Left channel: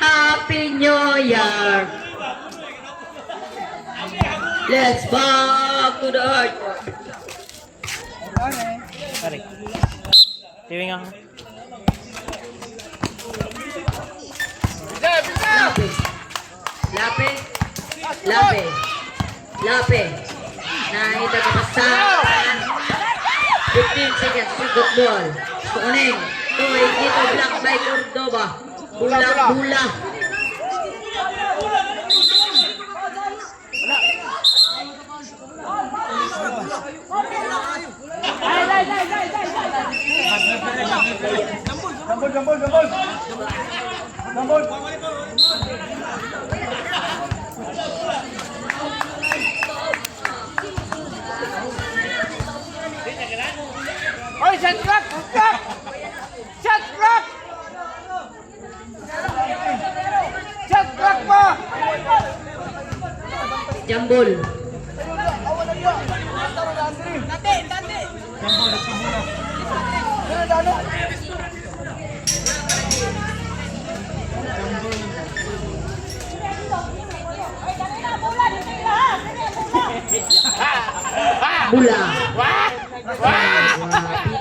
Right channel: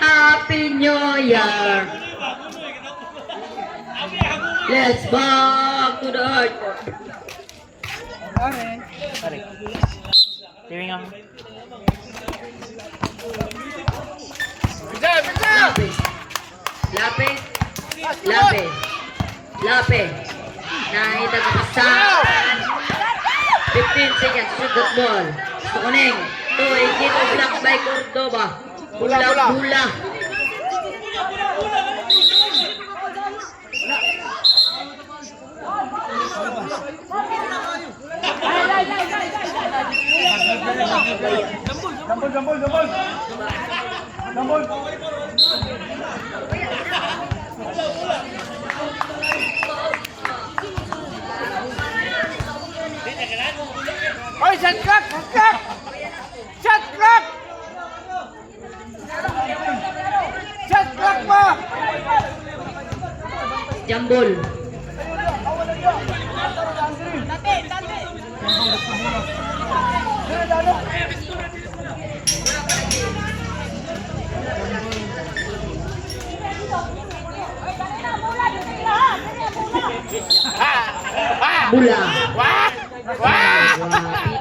Happy New Year. Let's back to the hardcore. Tarik. Tiwingan mo. Lape. Lape. Lape. Lape. Nakita ko sa 15 seconds. Sugot ball. Kuning. Tuwing dito. Black by Cordoba. Bula. Gambol. Oy, shot clock! Shot clock! Shot clock mo! Jambol. Bula.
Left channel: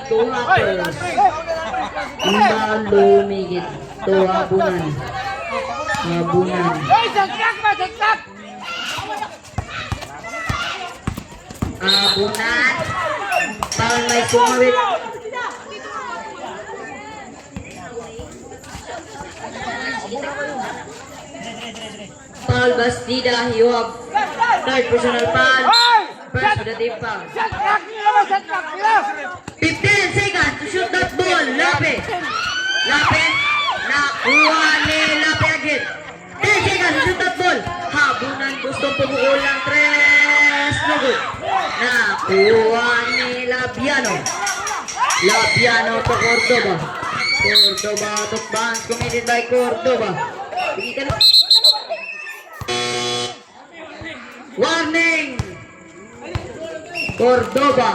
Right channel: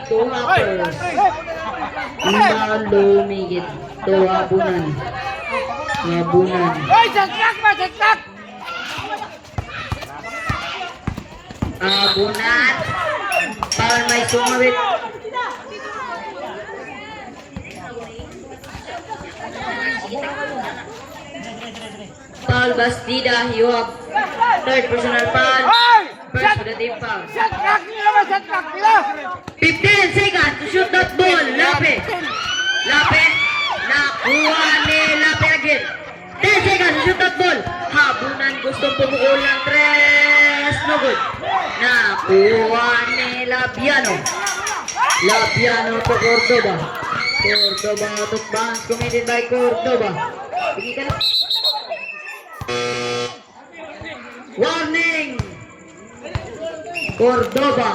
Ito hapos. Imbang lumigit. Ito habunan. Habunan. Oy, shot clock mo! Shot clock! Habunan. Para may sumawit. Foul Bastida. You have third personal foul. First to the team foul. Shot clock nila mo! Shot clock nila! 15 seconds to shoot that ball. Lape. Nakuha ni Lape again. 10 seconds to shoot that ball. Habunan gustong pumukul ng tres. No good. Nakuha ni Labiano. Labiano to Cordoba. Cordoba to bounce committed by Cordoba. Bigyan ka na. Warning! Cordoba.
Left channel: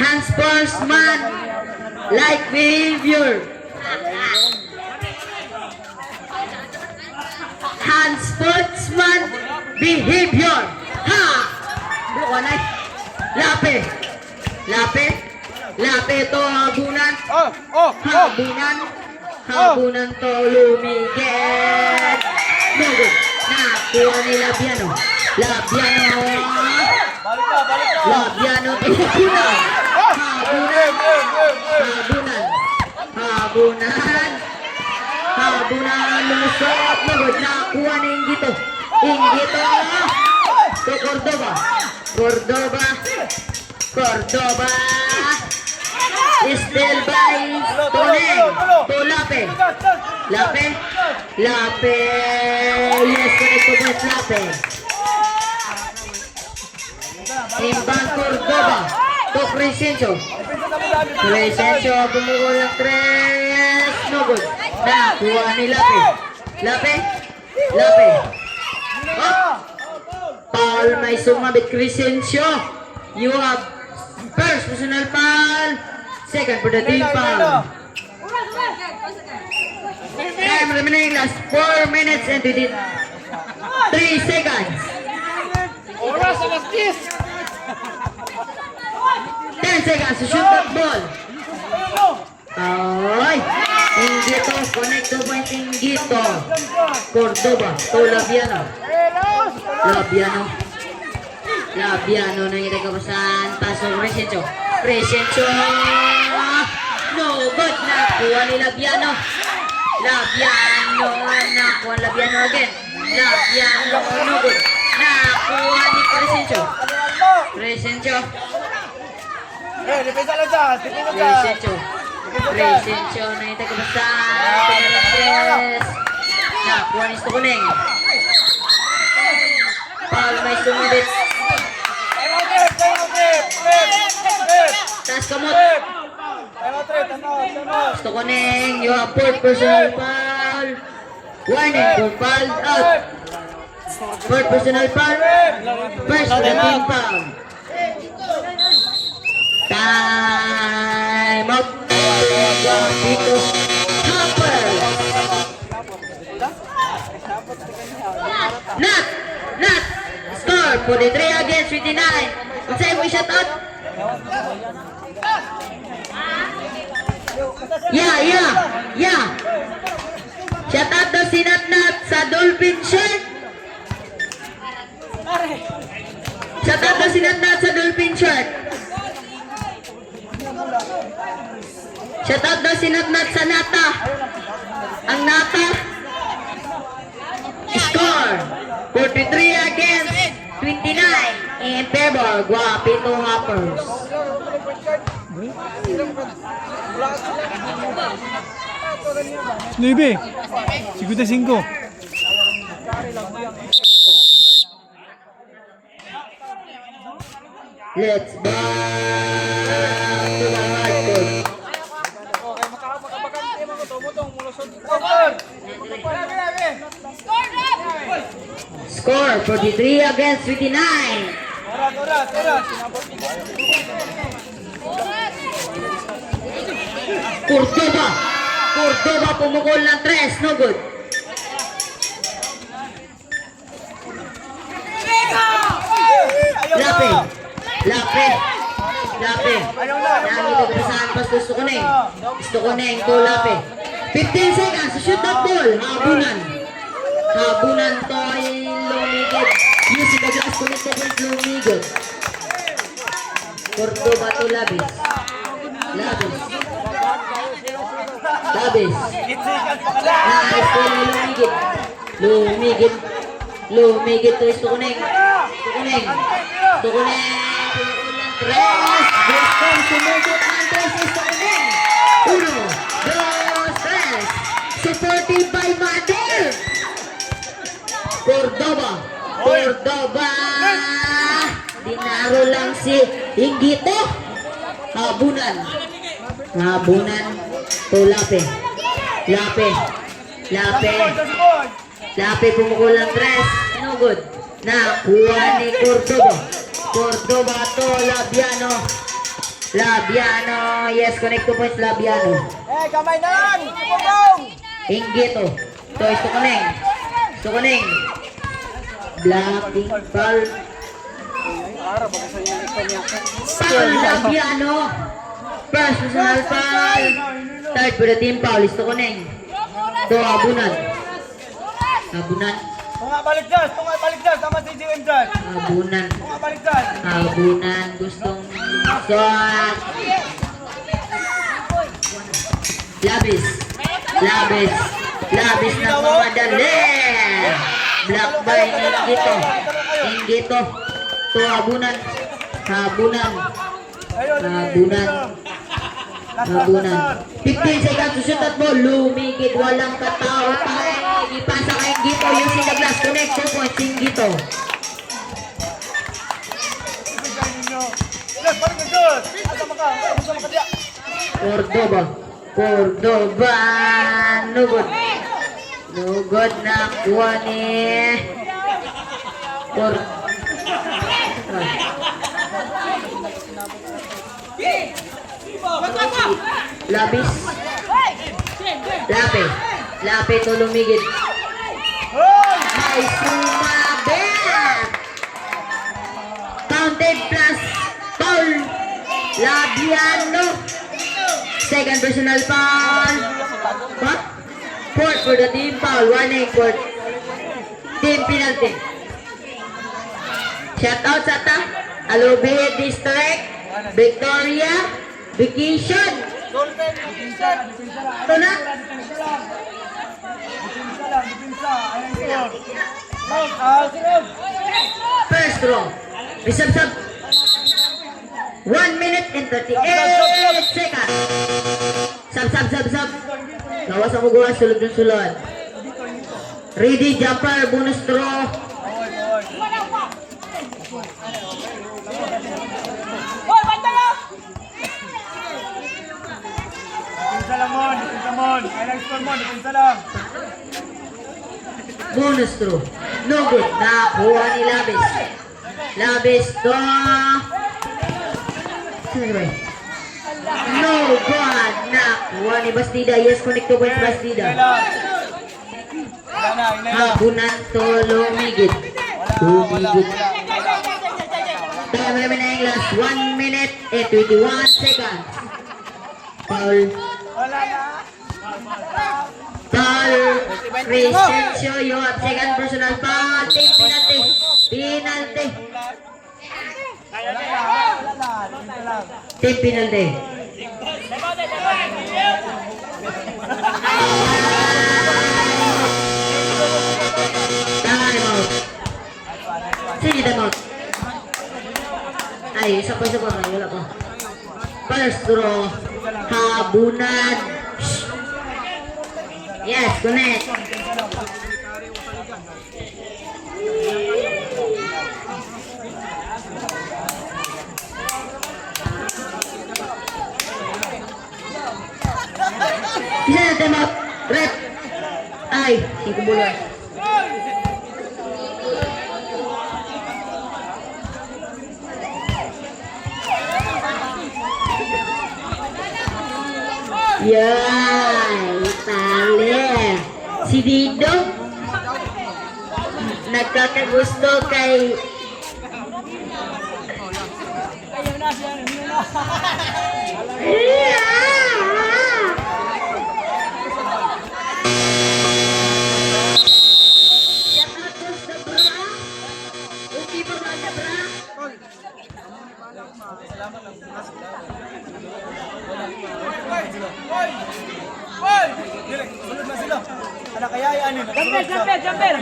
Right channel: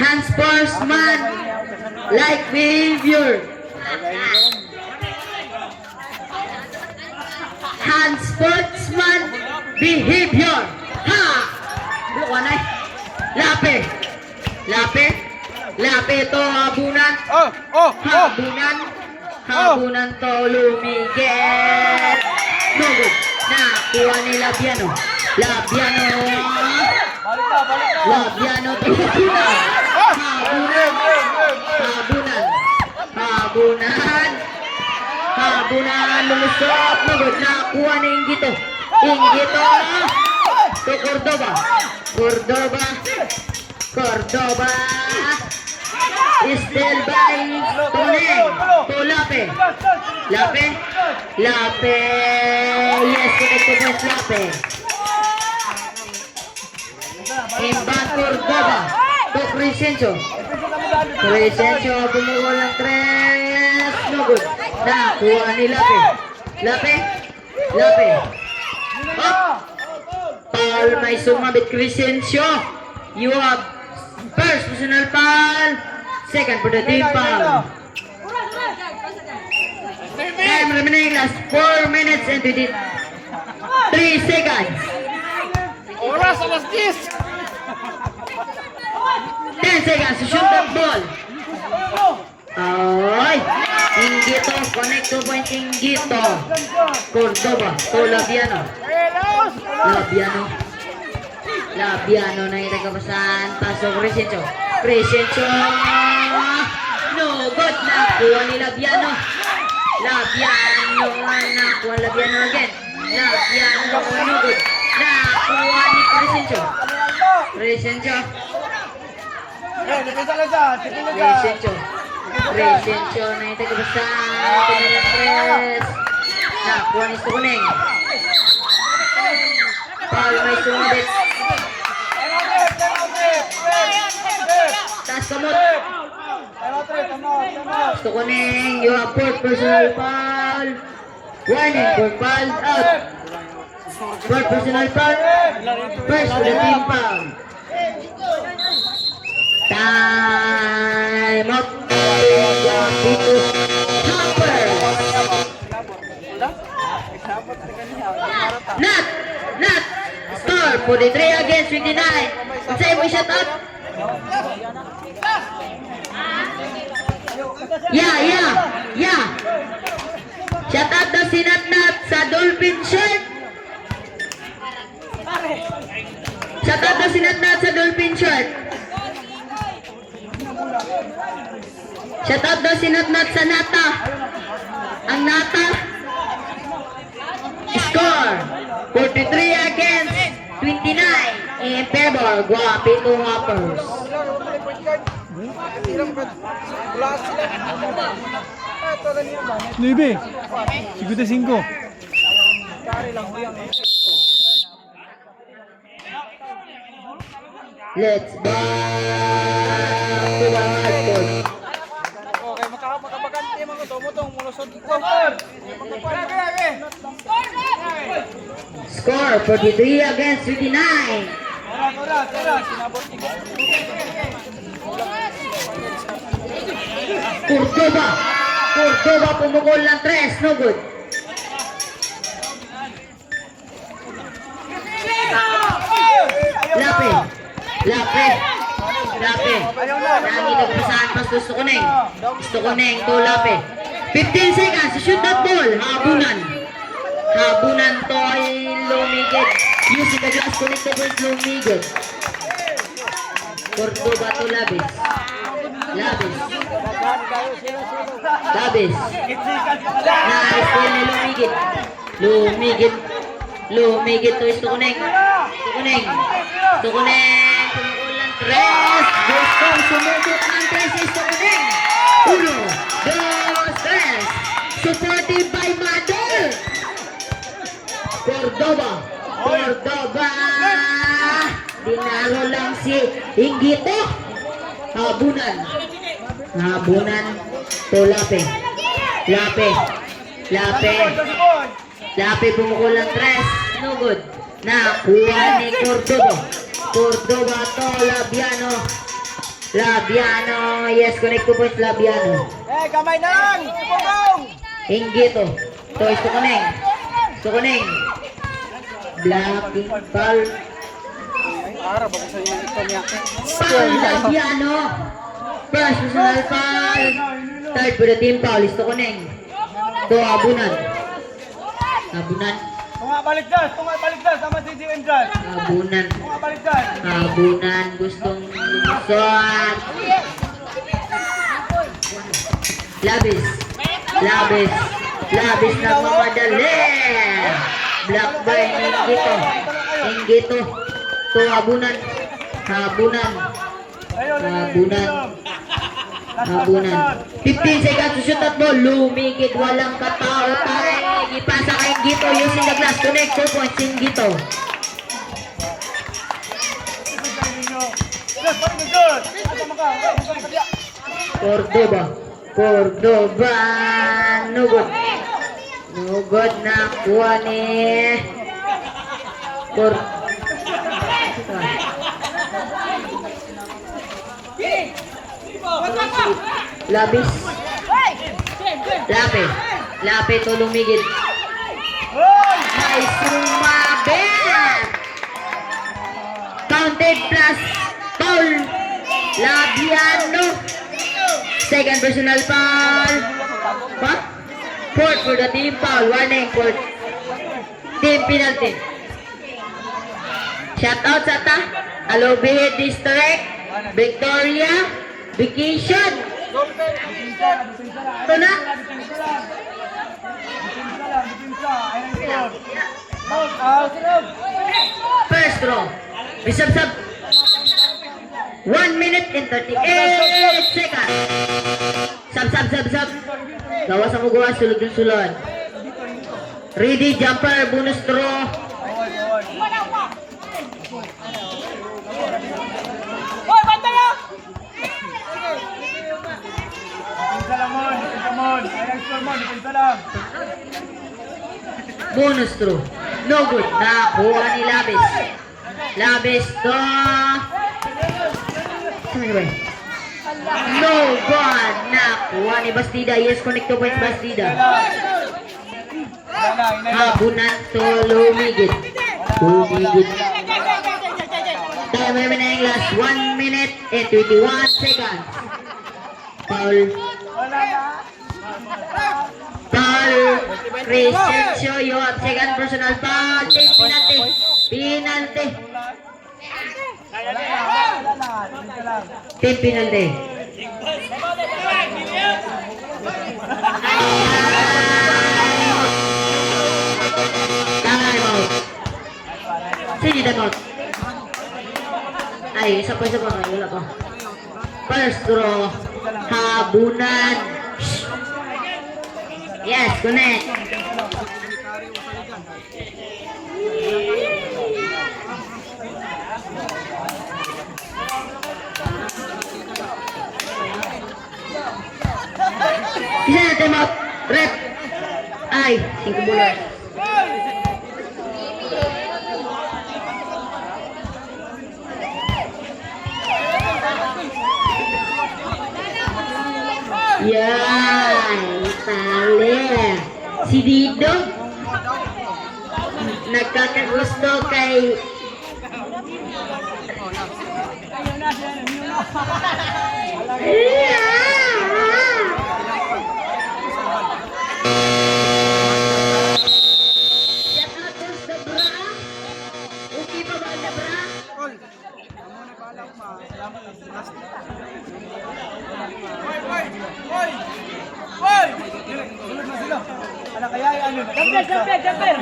Hands first man, like behavior. Hands first man, behavior. Ha! Buka na. Lape to habunan. Habunan to lumigit. No good. Nakuha ni Labiano. Labiano to habunan. Habunan lumusot. No good. Nakuha ni Ingito. To Cordoba. Still by Toneng. To Lape. Yes, connect to West Lape. Imbang Cordoba. To Crescencio. Pumukul ng tres. No good. Nakuha ni Lape. Foul, may sumabit Crescencio. You have first personal foul. Second for the team foul. Time remaining last 4 minutes and 3 seconds. Oras, alas 10! 10 seconds to shoot that ball. Ay! Ingito, connect to point Ingito. Cordoba, to Labiano na itagapasan. Paso Crescencio. No good. Nakuha ni Labiano. Nakuha Labiano again. No good. Nakuha ni Crescencio. Depensa lang dyan. Crescencio na itagapasan. Pinalang tres. Nakuha ni Stokuning. Foul, may sumabit. Tas kamot. Stokuning, you have fourth personal foul. Warning for foul out. For personal foul. First for the team foul. Time out. Hopper. Not. Score 43 against 29. Unsay mo shot out? Yeah. Shout out daw si Natnat sa Dolphin shirt. Shout out daw si Natnat sa Dolphin shirt. Shout out daw si Natnat sa Nata. Ang Nata. Score 43 against 29 in favor Guapito Hoppers. 9. 55. Let's back to the hardcore. Score 43 against 59. Cordoba pumukol ng 3, no good. Lape. Nangilig pa sa Santos, gusto ko neng to Lape. 15 seconds, shoot that ball. Habunan to ay lumigid. Using the glass connected with lumigid. Cordoba to Labis. Nice ball ni lumigid to Stukuneng. Tres. Gustong sumubok ng tres si Stukuneng. 1, 2, 3. Supported by Madol. Cordoba. Dinaro lang si Inggito. Habunan to Lape. Lape pumukul ng 3. No good. Nakuha ni Cordoba to Labiano. Yes, connect to points Labiano. Kamay na lang! Bubong! Inggito. To Stukuneng. Blocking foul. Labiano. First personal foul. Third for the team foul. Stukuneng. To Habunan. Tunga baligdas, sama si Jiwen dyan. Habunan. Tunga baligdas. Gustong shot. Labis na mamadali. Block by Inggito. To Habunan. 15 seconds to shoot at ball. Lumigid, walang katao tayo. Ipasa kay Inggito. Using the glass connect 2 points Inggito. Cordoba. No good na kuha ni Lape to lumigid. Ay, sumabit. Counted plus foul. Labiano. Second personal foul. What? Fourth for the team foul. Warning for team penalty. Shout out sa ta. Alobehe District. Victoria. Vacation. Ito na. First row. Sub. 1 minute and 38 seconds. Sub. Gawas ang ugawan, sulod. Ready, jumper, bonus throw. Depensa lang. Ay, score mo, depensa lang. Bonus throw. No good. Nakuha ni Labis. Labis to... No good. Nakuha ni Bastida. Yes, connect to points Bastida. Habunan to Lumigid. Lumigid. Time remaining last 1 minute and 21 seconds. Foul. Foul. Crescencio, you have second personal foul. Penalty. Penalty. Team penalty. Time out. Sige, time out. Ay, isa pa. Wala pa. First throw. Habunan. Yes, connect. Isa na time out. Rep. Ay, 5 bola. Yan, tali. Si Dido nagkakagusto kay Okay pa ba ang Dabra? Jumper!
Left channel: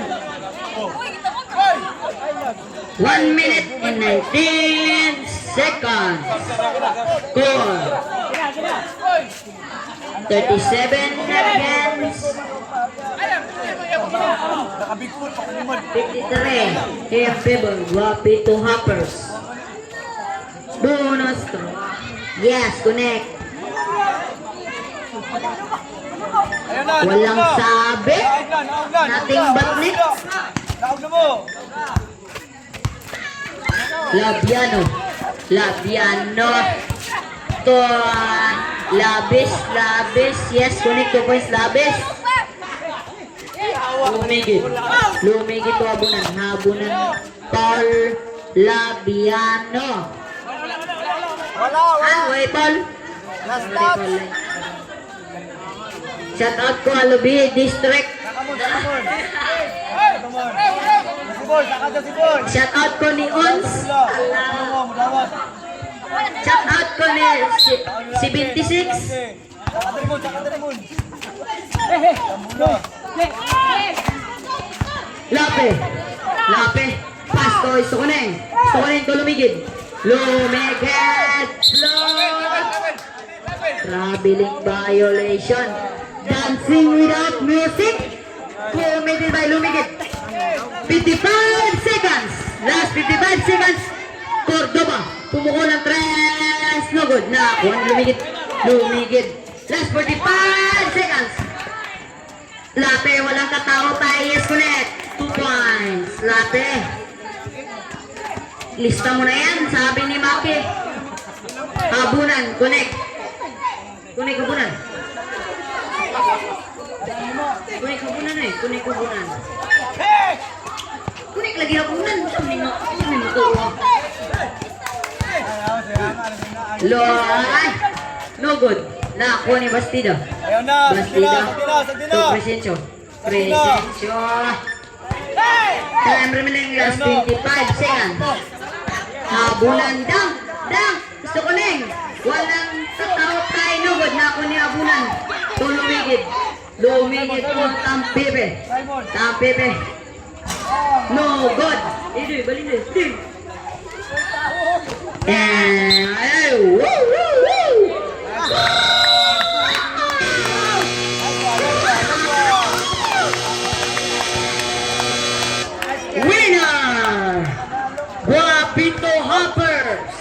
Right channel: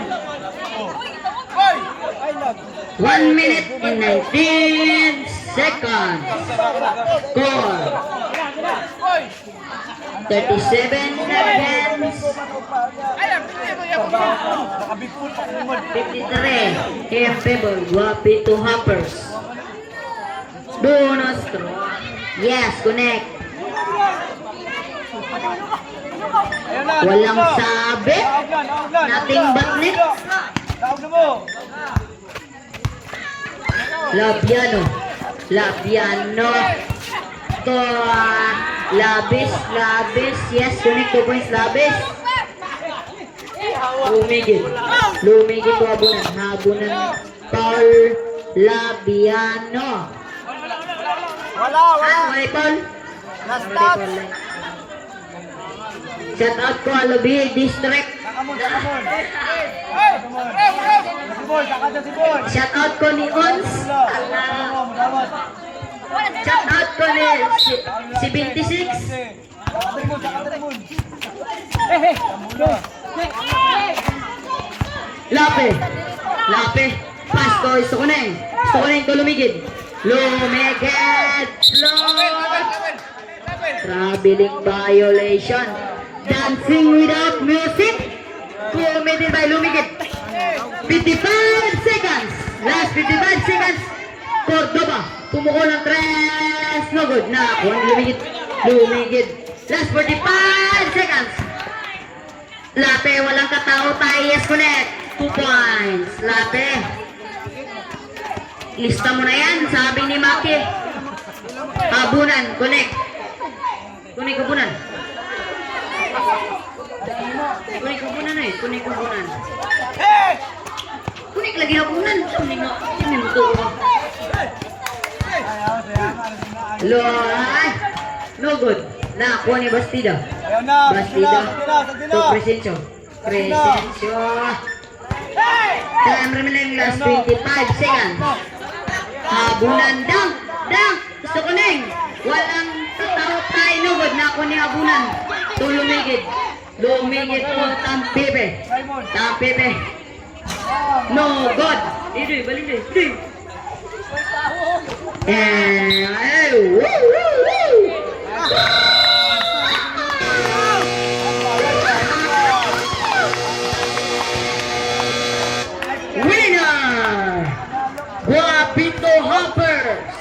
1 minute and 19 seconds. Score 37 against 53 in favor. Wapito Hoppers. Bonus throw. Yes, connect. Walang sabi. Nothing but net. Labiano. To Labis. Yes, connect to points Labis. Lumigid to Habunan. Paul Labiano. Wala Paul. Shout out ko Alabi District. Shout out ko ni Ons. Shout out ko ni si 26. Lape. Pasto iso ko na to Lumigid. Traveling violation. Dancing without music. Committed by Lumigid. 55 seconds. Last 55 seconds. Cordoba. Pumuko ng tres. No good. Na. Lumigid. Last 45 seconds. Lape. Walang katao tayo. Yes, connect. 2 points. Lape. Lista mo na yan. Sabi ni Maki. Habunan. Connect. Habunan. Kunik lagi habunan. Saan mo to? No good. Nakuha ni Bastida. Bastida. To Crescencio. Time remaining last 25 seconds. Habunan. Dang. Gusto ko neng. Walang katao tayo. No good. Nakuha ni Habunan. To Lumigid po Tampipe. No good. Idoy, balik Idoy. Winner! Wapito Hoppers.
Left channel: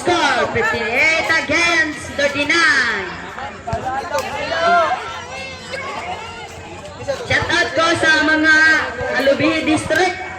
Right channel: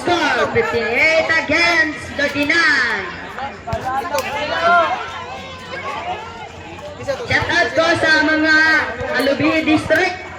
Score 58 against 39. Shout out ko sa Lubi District.